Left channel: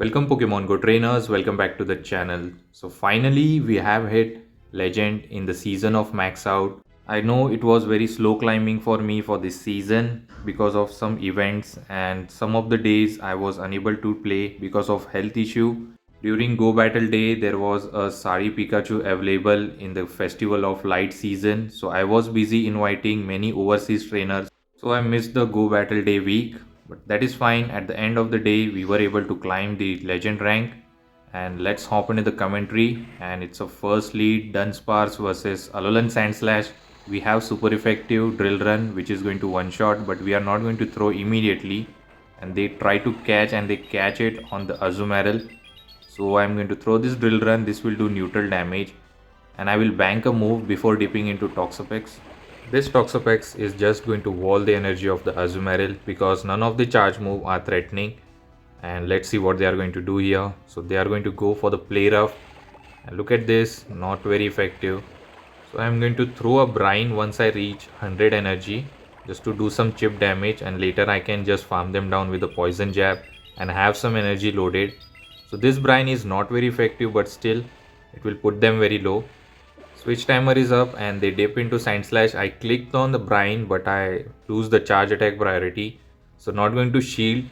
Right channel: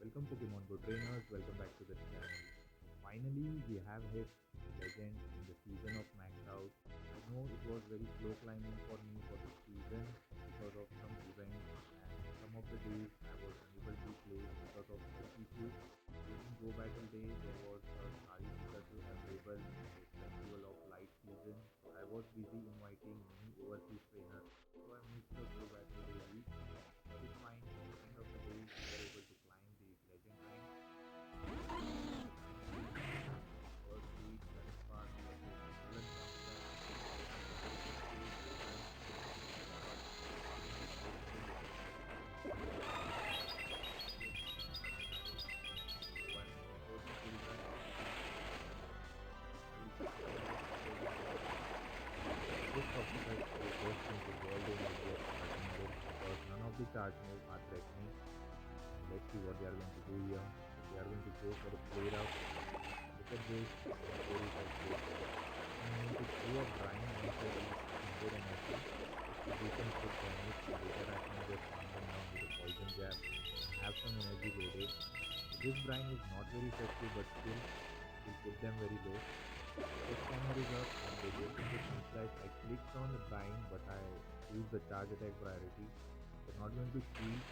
Welcome Pokemon Go trainers, welcome back to the channel. So finally we have hit Legend in the season of Max Out. I know it was very slow climbing for me for this season because of some events and some of the days I was unable to play because of health issue. During Go Battle Day there was a Sari Pikachu available in the Festival of Light season, so I was busy inviting many overseas trainers, so I missed the Go Battle Day week, but that is fine. At the end of the day, we were able to climb the legend rank. And let's hop into the commentary. And it's a first lead Dunsparce versus Alolan Sandslash. We have super effective drill run, which is going to one shot, but we are not going to throw immediately. And they try to catch and they catch it on the Azumarill. So I'm going to throw this drill run. This will do neutral damage. And I will bank a move before dipping into Toxapex. This Toxapex is just going to wall the energy of the Azumarill because none of the charge move are threatening. And let's see what they are going to do here. So they are going to go for the play rough. And look at this, not very effective. So I'm going to throw a brine once I reach 100 energy just to do some chip damage, and later I can just farm them down with a poison jab and have some energy loaded. So this brine is not very effective, but still it will put them very low. Switch timer is up and they dip into Sand Slash. I clicked on the brine but I lose the charge attack priority. So not going to shield,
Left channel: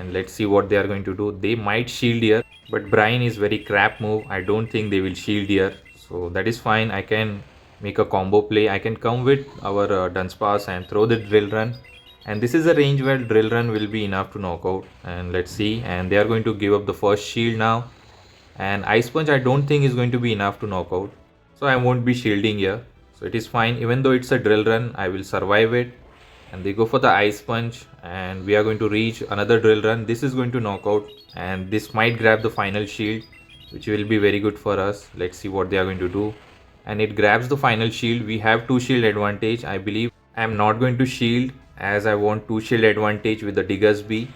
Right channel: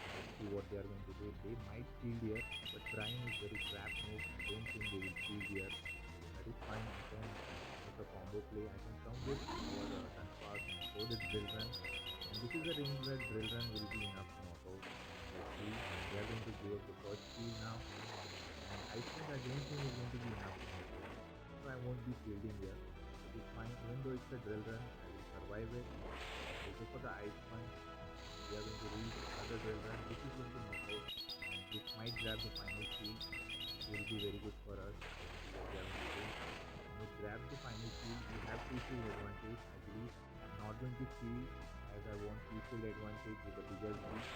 and let's see what they are going to do. They might shield here, but brine is very crap move. I don't think they will shield here. So that is fine. I can make a combo play. I can come with our Dunsparce and throw the drill run. And this is a range where drill run will be enough to knock out. And let's see. And they are going to give up the first shield now. And Ice Punch I don't think is going to be enough to knock out. So I won't be shielding here. So it is fine. Even though it's a drill run, I will survive it. And they go for the Ice Punch and we are going to reach another drill run. This is going to knock out and this might grab the final shield, which will be very good for us. Let's see what they are going to do. And it grabs the final shield. We have 2 shield advantage. I believe I am not going to shield as I want 2 shield advantage with the Diggersby.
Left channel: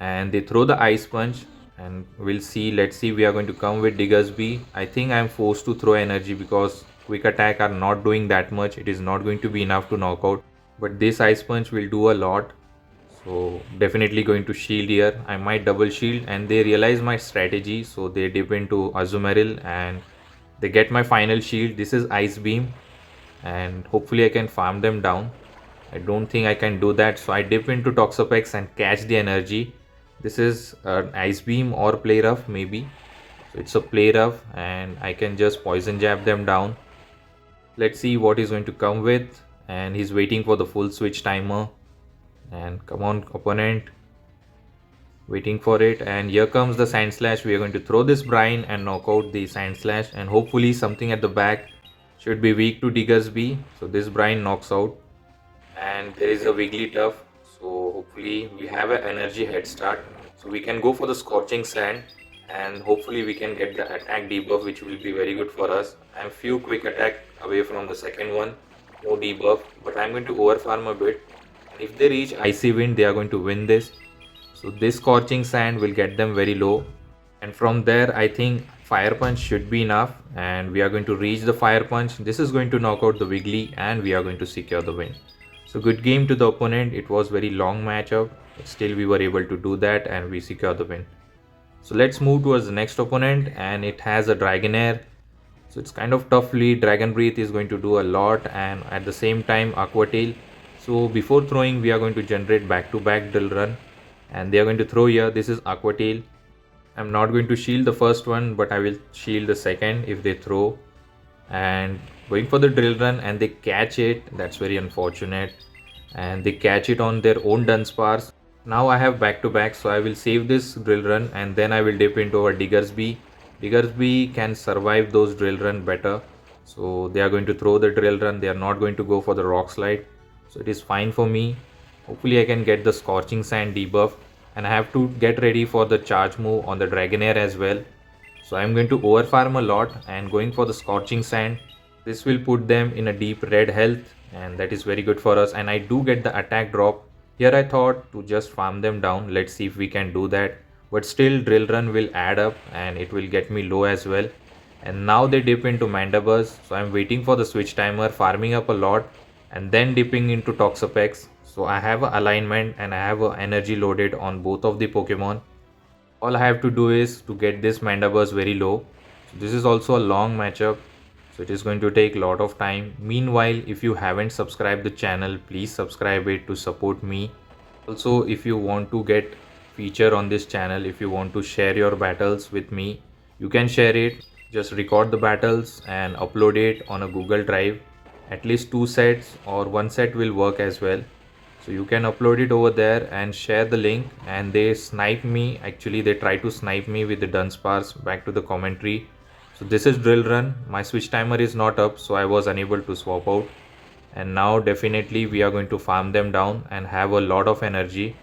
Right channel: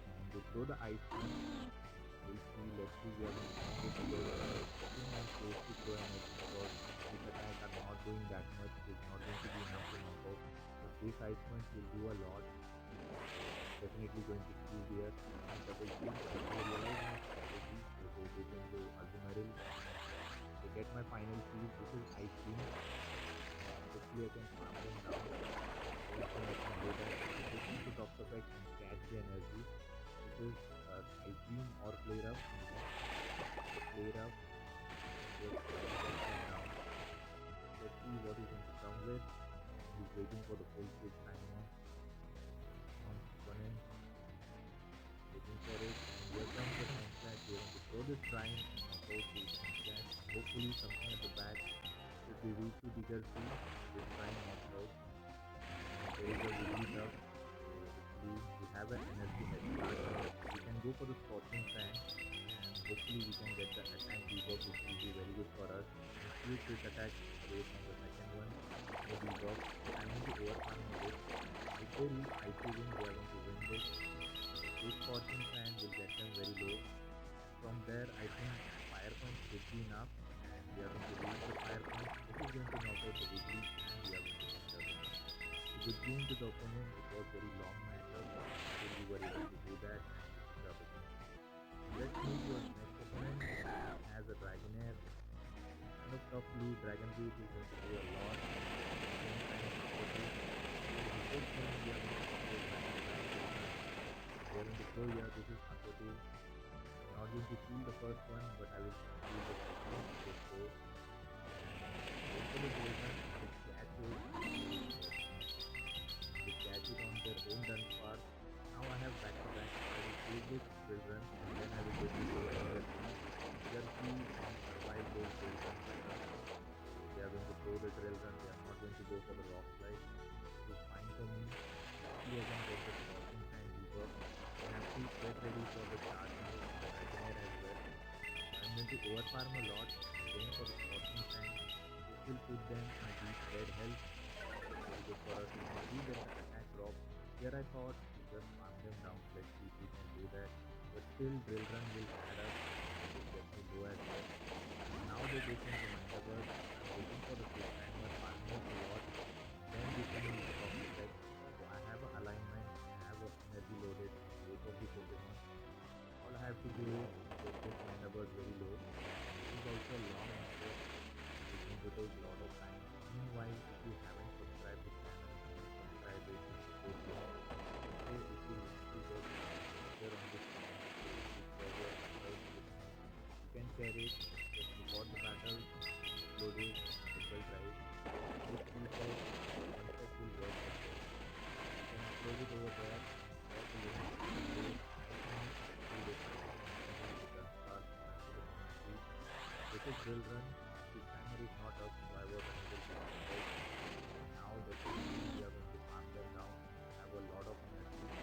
And they throw the Ice Punch and we'll see. Let's see, we are going to come with Diggersby. I think I'm forced to throw energy because quick attack are not doing that much. It is not going to be enough to knock out, but this Ice Punch will do a lot. So definitely going to shield here. I might double shield and they realize my strategy, so they dip into Azumarill and they get my final shield. This is Ice Beam and hopefully I can farm them down. I don't think I can do that, so I dip into Toxapex and catch the energy. This is an Ice Beam or Play Rough maybe. It's a Play Rough and I can just poison jab them down. Let's see what he's going to come with, and he's waiting for the full switch timer. And come on opponent, waiting for it, and here comes the Sand Slash. We are going to throw this brine and knock out the Sand Slash, and hopefully something at the back should be weak to Diggersby. So this brine knocks out and there is a Wigglytuff. So hopefully we have an energy head start, so we can go for the Scorching Sand and hopefully we can get the attack debuff, which will be very good for us. I'm few quick attack away from the second one, no debuff, but I'm going to overfarm a bit. If they reach Icy Wind, they are going to win this. So this Scorching Sand will get them very low, and from there I think Fire Punch should be enough, and we are going to reach the Fire Punch. This is going to knock out the Wiggly and we are going to secure the win. So good game to the opponent. It was very long matchup, but still we were able to do that and we secure the win. So let's move towards the next opponent, and it has a Dragonair. So it's kind of tough lead. Dragon Breath is going to do a lot, and at the same time Aqua Tail. So before throwing we are going to generate back-to-back drill run, and they are going to throw here. This is Aqua Tail. I'm not going to shield the first one, but I will shield the second if they throw. And going for the drill run and they catch it. That's very unfortunate, and they catch it on their own Dunsparce. Now I have back to back, so I will save this drill run and then I will dip into our Diggersby. Diggersby can survive those drill run better, so they are going to throw the drill run. They are not going to go for the rock slide, so it is fine for me. Hopefully I can get the Scorching Sand debuff, and I have to get ready for the charge move on the Dragonair as well. So I'm going to overfarm a lot and going for the Scorching Sand. This will put them in a deep red health, and that is very good for us, and I do get the attack drop. Here I thought to just farm them down. Let's see if we can do that. But still drill run will add up and it will get me low as well. And now they dip into Mandibuzz. So I'm waiting for the switch timer, farming up a lot and then dipping into Toxapex. So I have an alignment and I have a energy loaded on both of the Pokemon. All I have to do is to get this Mandibuzz very low. So this is also a long matchup, so it is going to take a lot of time. Meanwhile, if you haven't subscribed the channel, please subscribe it to support me. Also, if you want to get feature on this channel, if you want to share your battles with me, you can share it. Just record the battles and upload it on a Google Drive. At least 2 sets or 1 set will work as well. So you can upload it over there and share the link. And they snipe me, actually they try to snipe me with the Dunsparce. Back to the commentary. So this is drill run. My switch timer is not up, so I was unable to swap out. And now definitely we are going to farm them down and have a lot of energy.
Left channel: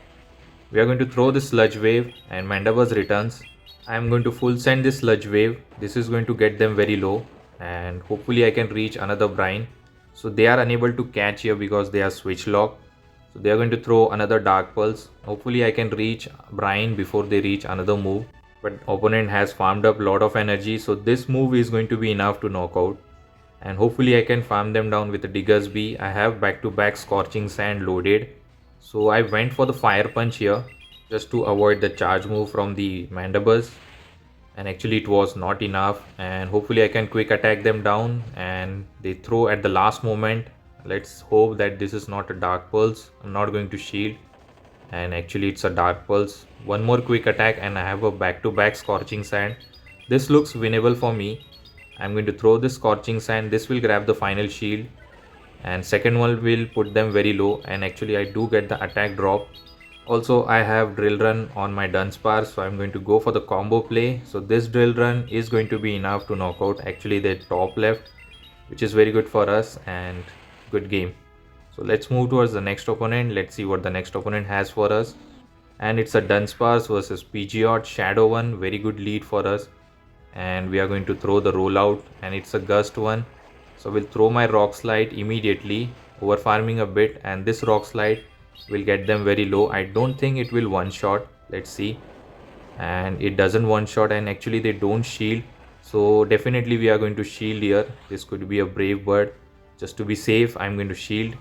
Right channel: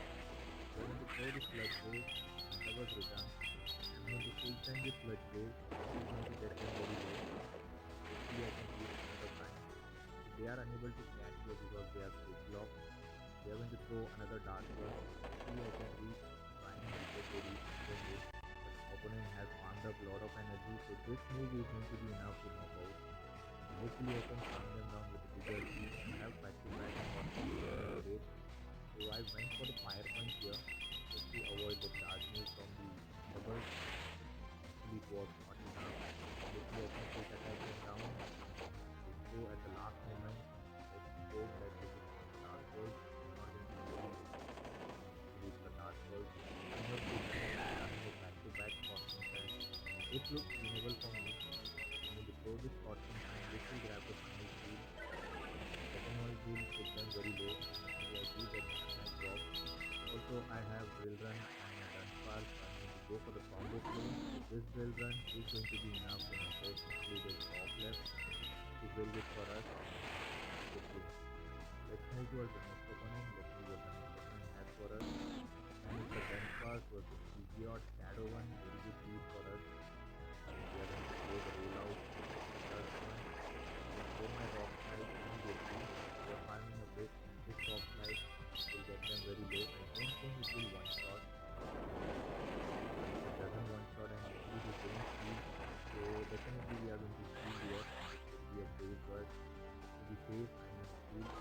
We are going to throw the sludge wave and Mandibuzz returns. I am going to full send this sludge wave. This is going to get them very low and hopefully I can reach another brine. So they are unable to catch here because they are switch locked. So they are going to throw another dark pulse. Hopefully I can reach brine before they reach another move. But opponent has farmed up a lot of energy, so this move is going to be enough to knock out. And hopefully I can farm them down with the Diggersby. I have back-to-back Scorching Sand loaded. So I went for the Fire Punch here just to avoid the charge move from the Mandibuzz. And actually it was not enough, and hopefully I can quick attack them down and they throw at the last moment. Let's hope that this is not a Dark Pulse. I'm not going to shield, and actually it's a Dark Pulse. One more quick attack and I have a back-to-back Scorching Sand. This looks winnable for me. I'm going to throw this Scorching Sand. This will grab the final shield and second one will put them very low, and actually I do get the attack drop. Also I have drill run on my Dunsparce, so I'm going to go for the combo play. So this drill run is going to be enough to knock out actually the top left, which is very good for us and good game. So let's move towards the next opponent. Let's see what the next opponent has for us. And it's a Dunsparce versus Pidgeot Shadow one. Very good lead for us. And we are going to throw the rollout, and it's a gust one. So we'll throw my rock slide immediately, over farming a bit, and this rock slide will get them very low. I don't think it will one shot. Let's see. And it doesn't one shot, and actually they don't shield. So definitely we are going to shield here. This could be a brave bird. Just to be safe, I'm going to shield.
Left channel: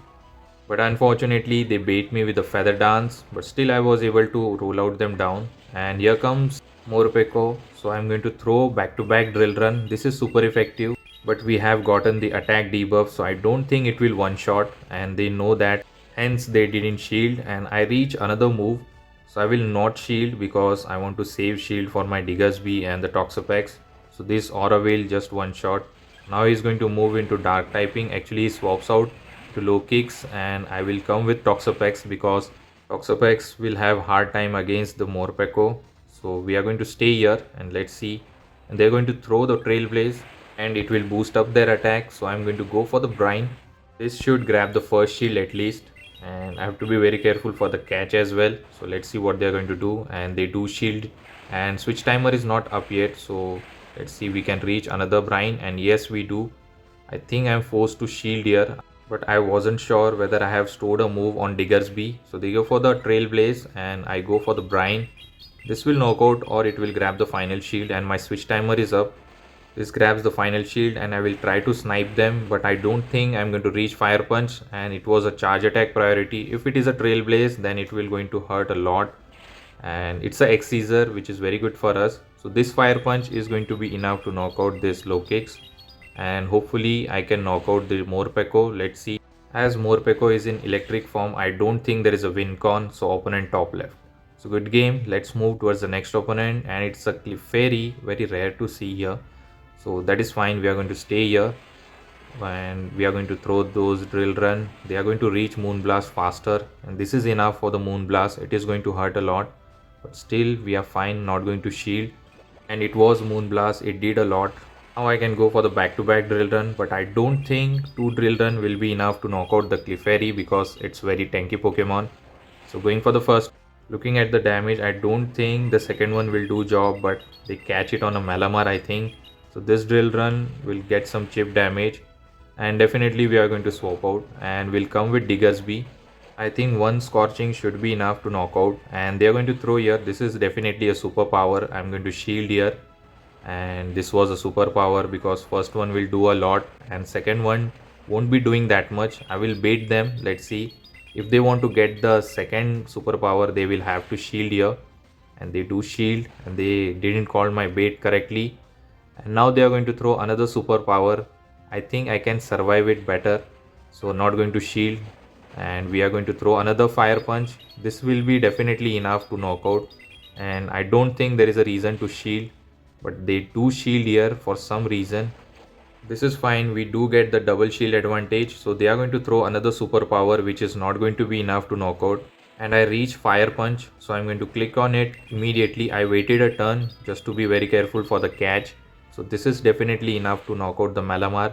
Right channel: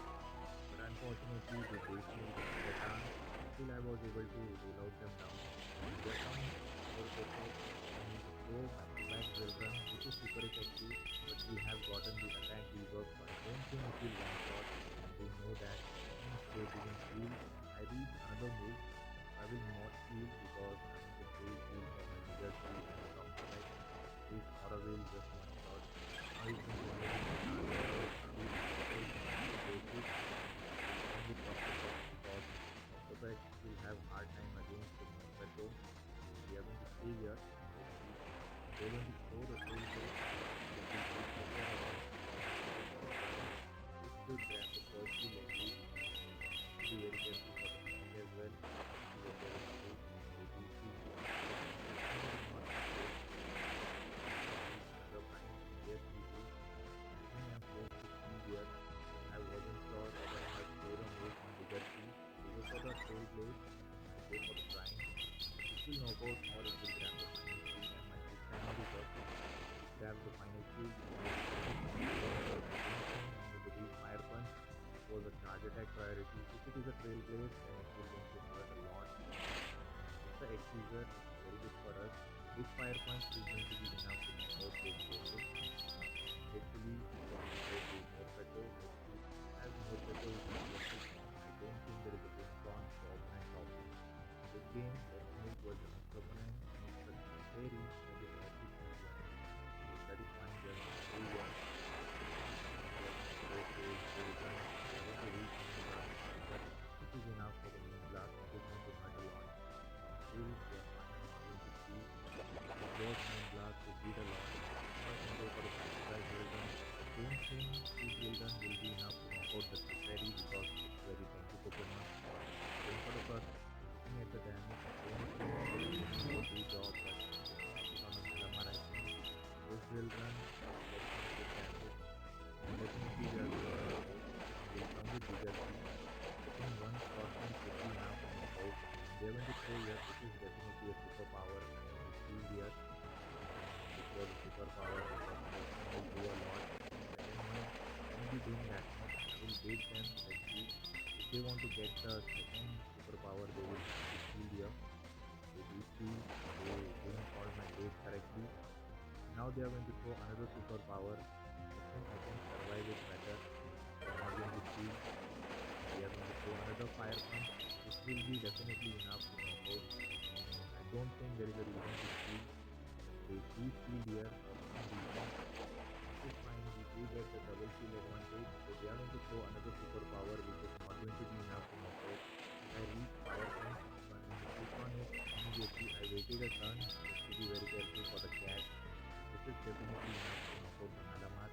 But unfortunately they bait me with a feather dance, but still I was able to roll out them down. And here comes Morpeko. So I'm going to throw back-to-back drill run. This is super effective, but we have gotten the attack debuff, so I don't think it will one shot, and they know that, hence they didn't shield. And I reach another move, so I will not shield because I want to save shield for my Diggersby and the Toxapex. So this Aura Veil just one shot. Now he's going to move into dark typing. Actually he swaps out to low kicks, and I will come with Toxapex because Toxapex will have hard time against the Morpeko. So we are going to stay here and let's see. And they're going to throw the Trailblaze and it will boost up their attack. So I'm going to go for the Brine. This should grab the first shield at least, and I have to be very careful for the catch as well. So let's see what they're going to do, and they do shield, and switch timer is not up yet. So let's see, we can reach another Brine, and yes we do. I think I'm forced to shield here, but I wasn't sure whether I have stored a move on Diggersby. So they go for the Trailblaze and I go for the Brine. This will knock out or it will grab the final shield, and my switch timer is up. This grabs the final shield and I will try to snipe them, but I don't think I'm going to reach Fire Punch, and it was a charge attack priority. If it is a Trailblaze, then it will going to hurt a lot, and it's a X-Scissor which is very good for us. So this Fire Punch is going to be enough to knock out this low kicks, and hopefully I can knock out the Morpeko. Let's see. As Morpeko is in electric form, I don't think there is a win con, so opponent top left. So good game. Let's move towards the next opponent, and it's a Clefairy, very rare to see here. So that is fine. We are going to stay here and we are going to throw those drill run. They are going to reach Moonblast faster, and this is enough for the Moonblast. It is going to hurt a lot, but still we are fine, not going to shield. And it was Moonblast, it did a lot. Now I can go for the back-to-back drill run, but I don't think 2 drill run will be enough to knock out the Clefairy because it's very tanky Pokemon. So going for the first. Looking at the damage, I don't think the second one will do job, but they catch it on a Malamar, I think. So this drill run will get some chip damage, and definitely we are going to swap out and we'll come with Diggersby. I think one Scorching should be enough to knock out, and they are going to throw here. This is definitely a superpower. I'm going to shield here, and this was a superpower because first one will do a lot and second one won't be doing that much. I will bait them. Let's see. If they want to get the second superpower, they will have to shield here, and they do shield, and they didn't call my bait correctly. And now they are going to throw another superpower. I think I can survive it better, so not going to shield. And we are going to throw another fire punch. This will be definitely enough to knock out, and I don't think there is a reason to shield, but they do shield here for some reason. This is fine, we do get the double shield advantage, so they are going to throw another superpower which is not going to be enough to knock out. And I reach fire punch, so I'm going to click on it immediately. I waited a turn just to be very careful for the catch. So this is definitely enough to knock out the Malamar.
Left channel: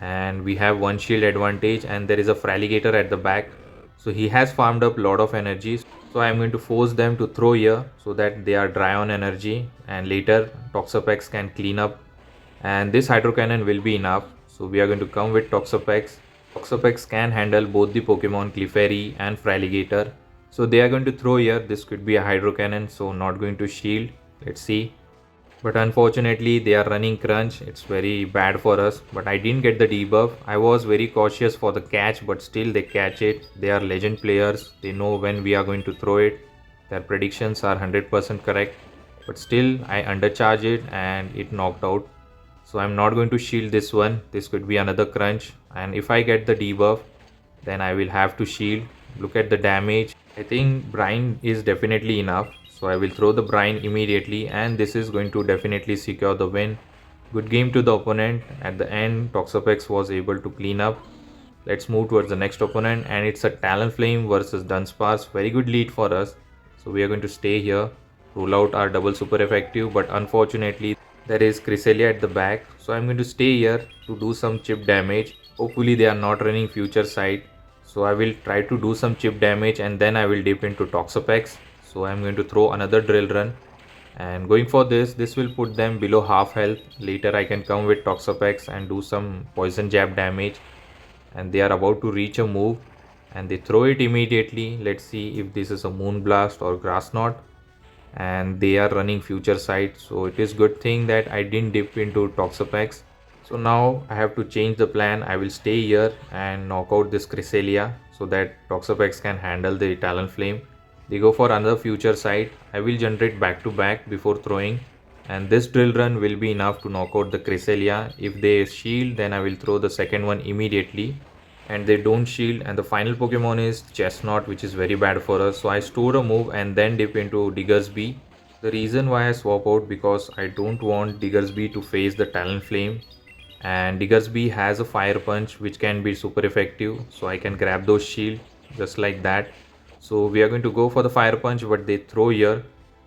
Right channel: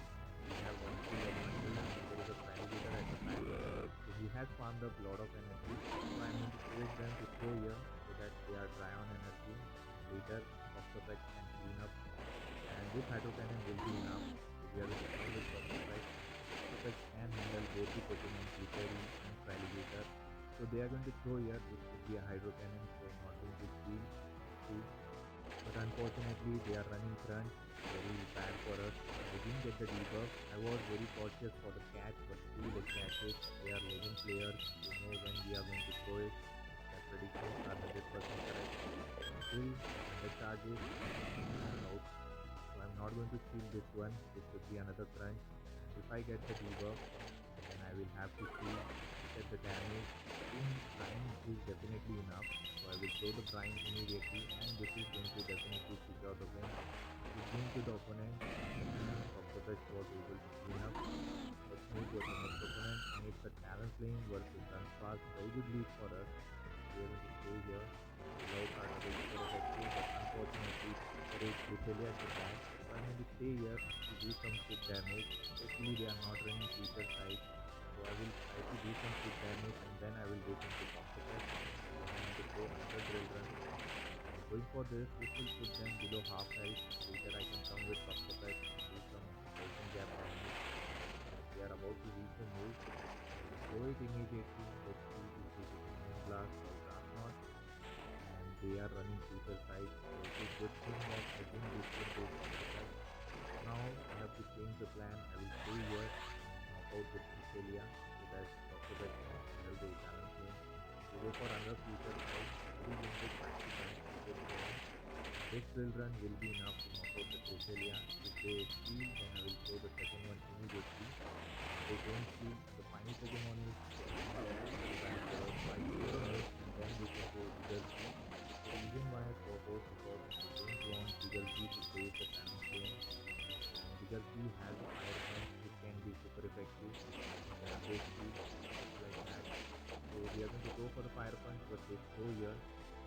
And we have one shield advantage, and there is a Fraligator at the back. So he has farmed up a lot of energy. So I'm going to force them to throw here so that they are dry on energy, and later Toxapex can clean up, and this hydro cannon will be enough. So we are going to come with Toxapex. Toxapex can handle both the Pokemon Clefairy and Fraligator. So they are going to throw here. This could be a hydro cannon, so not going to shield. Let's see. But unfortunately they are running crunch. It's very bad for us, but I didn't get the debuff. I was very cautious for the catch, but still they catch it. They are legend players. They know when we are going to throw it. Their predictions are 100% correct, but still I undercharge it and it knocked out. So I'm not going to shield this one. This could be another crunch, and if I get the debuff, then I will have to shield. Look at the damage. I think brine is definitely enough, so I will throw the brine immediately, and this is going to definitely secure the win. Good game to the opponent. At the end, Toxapex was able to clean up. Let's move towards the next opponent, and it's a Talonflame versus Dunsparce. Very good lead for us, so we are going to stay here, roll out our double super effective, but unfortunately there is Cresselia at the back, so I'm going to stay here to do some chip damage. Hopefully they are not running future sight, so I will try to do some chip damage, and then I will dip into Toxapex. So I'm going to throw another drill run, and going for this will put them below half health. Later I can come with Toxapex and do some poison jab damage, and they are about to reach a move, and they throw it immediately. Let's see if this is a Moonblast or Grass Knot, and they are running future sight, so it is good thing that I didn't dip into Toxapex. So now I have to change the plan. I will stay here and knock out this Cresselia so that Toxapex can handle the Talonflame. They go for another future sight. I will generate back to back before throwing, and this drill run will be enough to knock out the Cresselia. If they shield, then I will throw the second one immediately, and they don't shield. And the final Pokemon is Chestnut, which is very bad for us, so I store a move and then dip into Diggersby. The reason why I swap out, because I don't want Diggersby to face the Talonflame, and Diggersby has a fire punch which can be super effective, so I can grab those shield just like that. So we are going to go for the fire punch, but they throw here.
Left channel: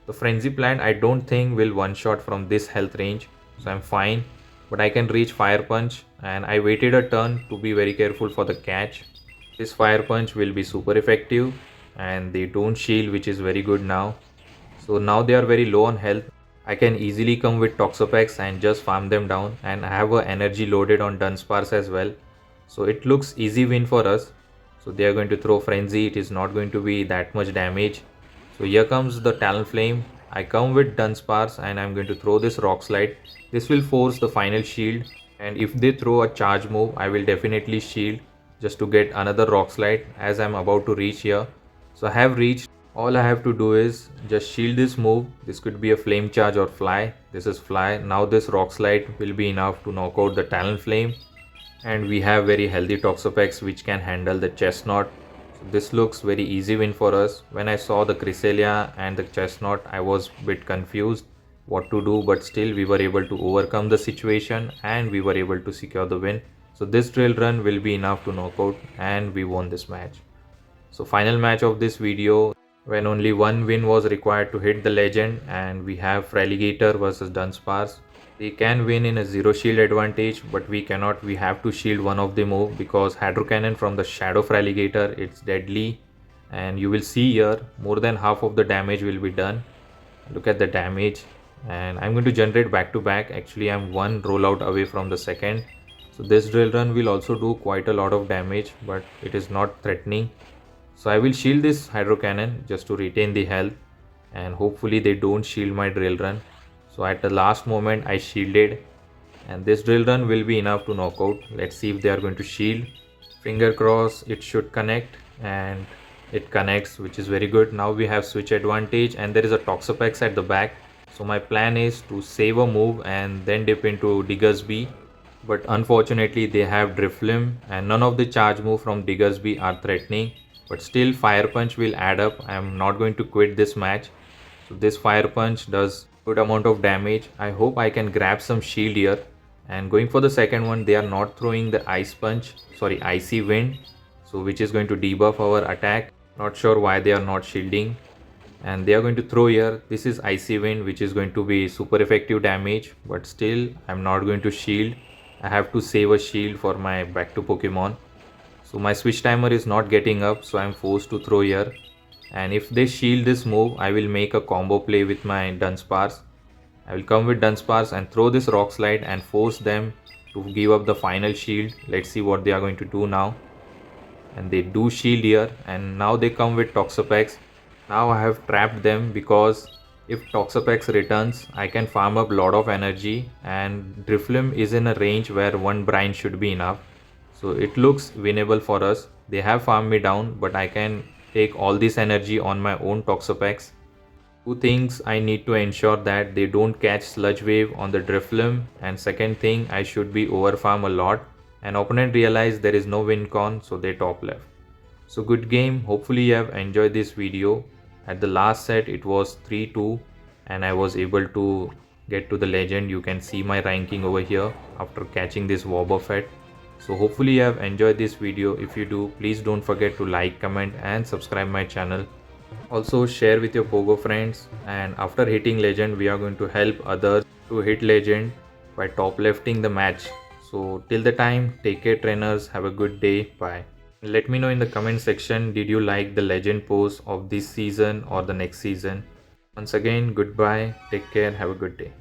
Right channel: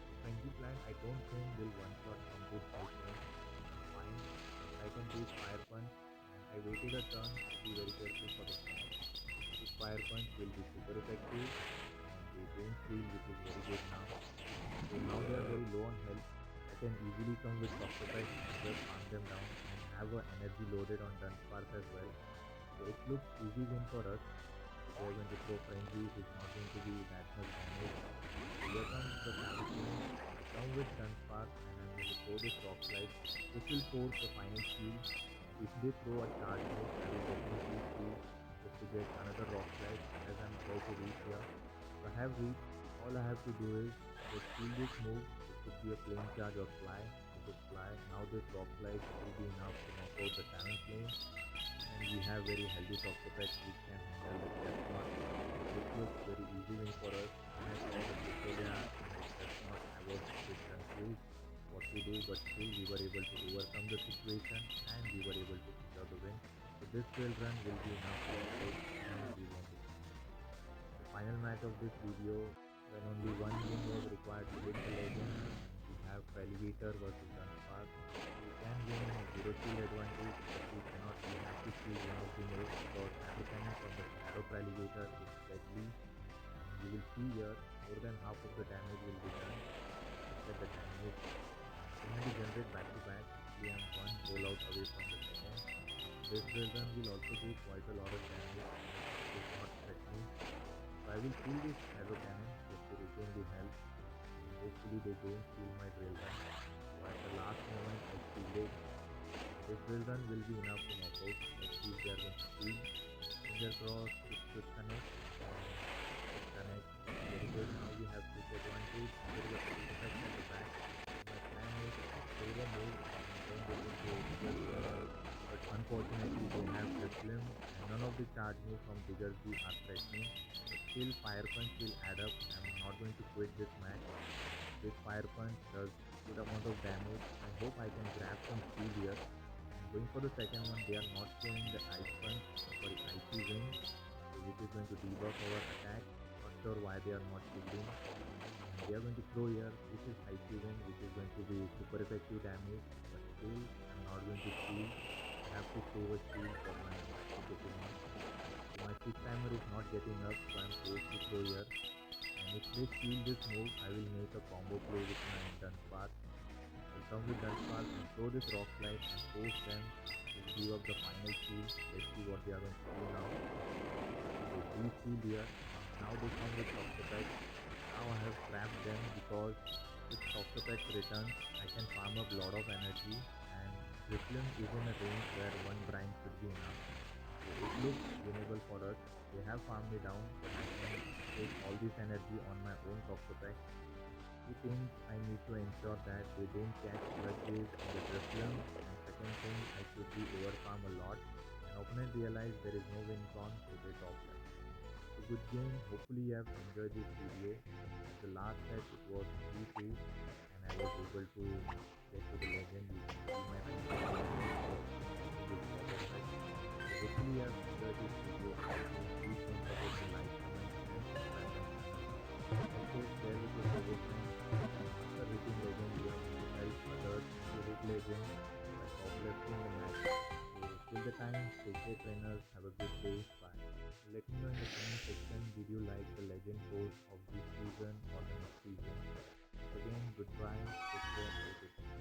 The frenzy plant I don't think will one shot from this health range, so I'm fine, but I can reach fire punch, and I waited a turn to be very careful for the catch. This fire punch will be super effective, and they don't shield, which is very good now. So now they are very low on health. I can easily come with Toxapex and just farm them down, and I have a energy loaded on Dunsparce as well, so it looks easy win for us. So they are going to throw frenzy. It is not going to be that much damage. So here comes the Talonflame. I come with Dunsparce, and I'm going to throw this Rock Slide. This will force the final shield, and if they throw a charge move, I will definitely shield just to get another Rock Slide as I'm about to reach here. So I have reached. All I have to do is just shield this move. This could be a Flame Charge or Fly. This is Fly. Now this Rock Slide will be enough to knock out the Talonflame, and we have very healthy Toxapex which can handle the Chestnut. This looks very easy win for us. When I saw the Cresselia and the Chestnut, I was a bit confused what to do, but still we were able to overcome the situation, and we were able to secure the win. So this drill run will be enough to knock out, and we won this match. So final match of this video, when only one win was required to hit the legend, and we have Fraligator versus Dunsparce. They can win in a zero shield advantage, but we cannot. We have to shield one of the move, because Hydro Cannon from the Shadow Fraligator, it's deadly, and you will see here more than half of the damage will be done. Look at the damage, and I'm going to generate back to back. Actually I'm one rollout away from the second, so this drill run will also do quite a lot of damage, but it is not threatening. So I will shield this Hydro Cannon just to retain the health, and hopefully they don't shield my drill run. So at the last moment I shielded, and this drill run will be enough to knock out. Let's see if they are going to shield. Finger cross, it should connect, and it connects, which is very good. Now we have switch advantage and there is a Toxapex at the back. So my plan is to save a move and then dip into Diggersby. But unfortunately they have Driflim and none of the charge move from Diggersby are threatening. But still Fire Punch will add up. I am not going to quit this match. So this Fire Punch does good amount of damage. I hope I can grab some shield here. And going for the second one, they are not throwing the Icy Wind. So which is going to debuff our attack. Not sure why they are not shielding. And they are going to throw here. This is Icy Wind, which is going to be super effective damage. But still, I'm not going to shield. I have to save a shield for my back to Pokemon. So my switch timer is not getting up, so I'm forced to throw here. And if they shield this move, I will make a combo play with my Dunsparce. I will come with Dunsparce and throw this Rock Slide and force them to give up the final shield. Let's see what they are going to do now. And they do shield here, and now they come with Toxapex. Now I have trapped them because if Toxapex returns, I can farm up lot of energy, and Driflim is in a range where one brine should be enough. So it looks winnable for us. They have farmed me down, but I can take all this energy on my own Toxapex. Two things I need to ensure that they don't catch Sludge Wave on the Driflim, and second thing, I should be overfarm a lot. An opponent realized there is no win con, so they top left. So good game. Hopefully you have enjoyed this video. At the last set it was 3-2 and I was able to get to the legend. You can see my ranking over here after catching this Wobbuffet. So hopefully you have enjoyed this video. If you do, please don't forget to like, comment and subscribe my channel. Also share with your Pogo friends, and after hitting legend we are going to help others to hit legend by top lefting the match. So till the time, take care trainers, have a good day, bye. Let me know in the comment section, did you like the legend pose of this season or the next season? Once again, goodbye, take care, have a good day.